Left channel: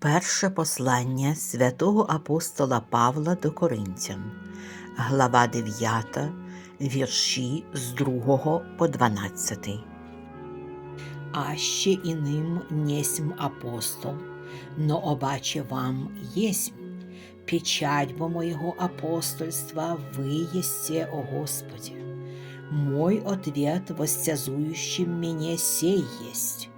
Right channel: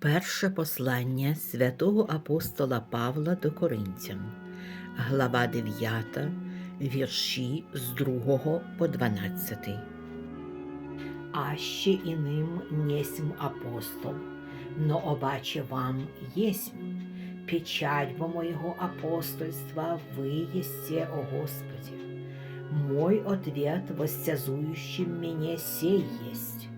Перше послання святого апостола Павла до Коринтян, глава 9, вірші з 2 по 12. Аще іним несмь апостол, но обаче вам єсмь. Печать бо моего апостольства вы есте, о Господи. Мой ответ воссязующим меня сей есть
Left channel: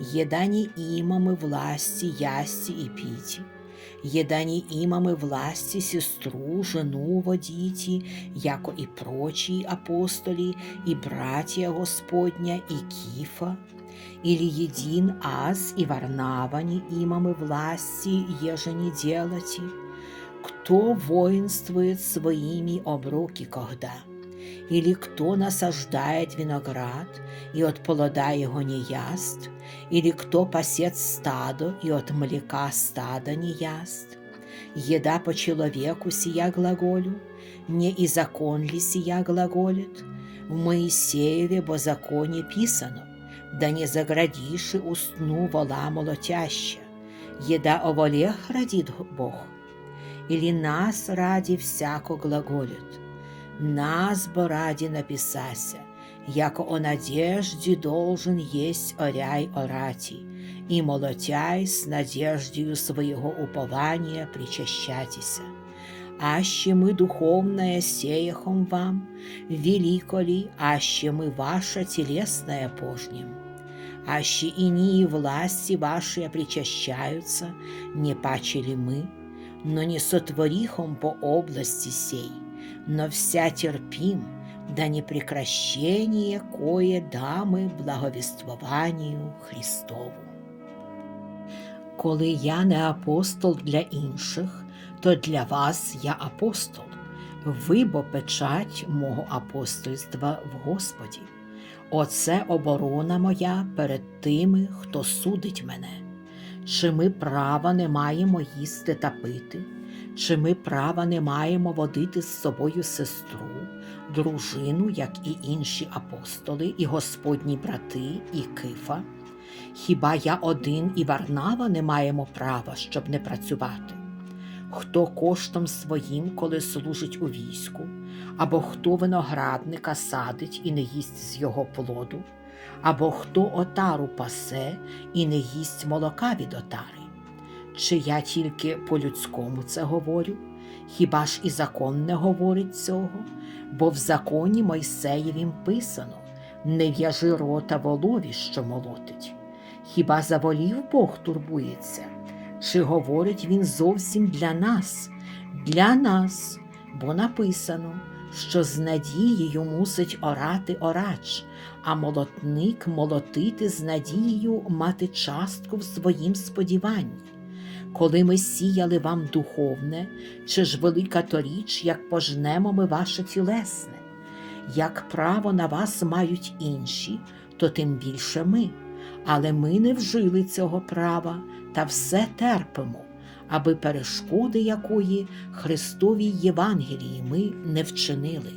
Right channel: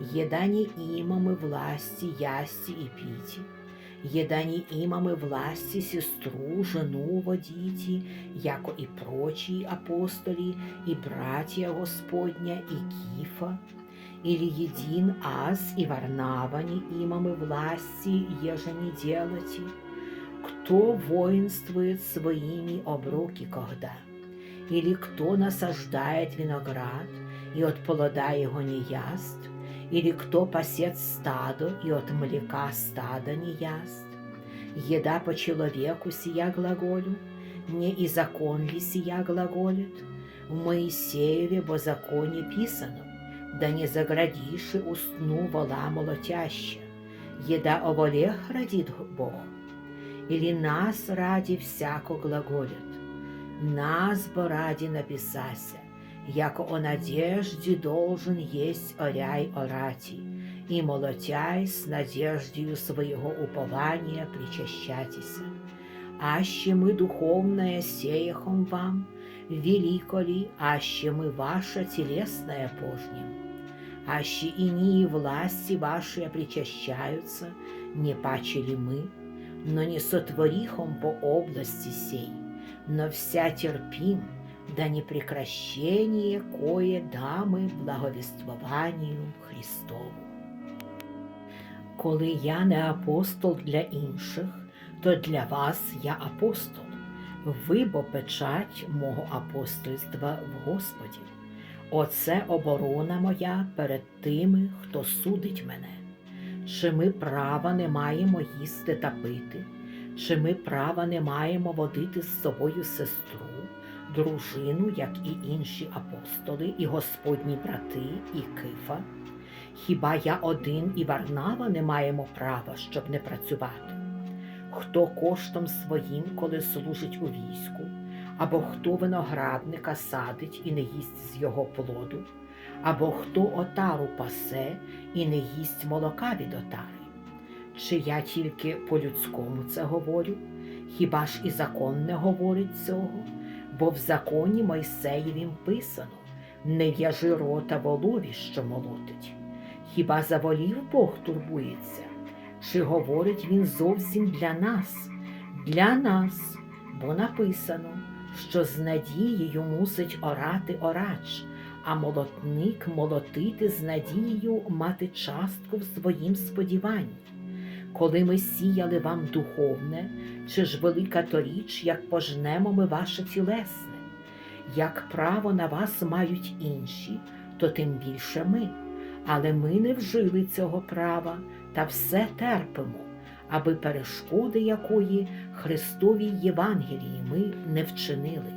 Еда не имамы власти ясти и пити, еда не имамы власти сестру, жену водите, яко и прочие апостоли, и братья Господня, и Кифа, или един аз и Варнава не имамы власти, еже не делати, кто воинствует своими обруки когда? Или кто насаждает виноград и от плода его не яст? Или кто пасет стадо и от млека стада не яст? Еда по человеку сия глаголю, не и закон ли сия глаголит? В Моисееве бо законе писано, да не заградиши устну вола молотяща, еда о волех родит Бог, или нас ради всяко глаголит, нас бо ради написася, яко о надежде должен есть оряй орати, и молотяй с надеждою своего упования причащатися. Аще мы духовное сеяхом вам, велико ли, аще мы ваша телесная пожнем. Аще инии власти ваши причащаются, не паче ли мы, но не сотворихом по области сей, но вся терпим, да не прекращение кое дамы благовествованию Христову. Коли я не апостол для інших, то для вас я апостол, ви бо печать мого апостольства в Господі. Оце оборона моя перед тими, хто судить мене. Чи ми права не маємо їсти та пити, чи ми права не маємо водити з собою сестру, дружину, як і інші апостоли, і господні брати, і кифа? Хіба я один і Варнава не маємо права, щоб не працювати? Хто коштом своїм, коли служить у війську, або хто виноградника садить і не їсть з його плоду, або хто отару пасе і не їсть молока від отари? Чи я тільки по-людському це говорю? Хіба ж і закон не говорить цього? Бо в законі Мойсеєвім писано не в'яжи рота волові, що молотить. Хіба за волів Бог турбується? Чи говорить він зовсім для нас, для нас, бо написано, що з надією мусить оратиорач, а молотник молотити з надією мати частку в своїм сподіванні. Коли ми сіяли вам духовне, чи ж велика то річ, як пожнемо ми ваше тілесне, як право на вас мають інші, то тим більше ми, але ми не вжили цього права та все терпимо, аби перешкоди якої Христовій Євангелії ми не вчинили.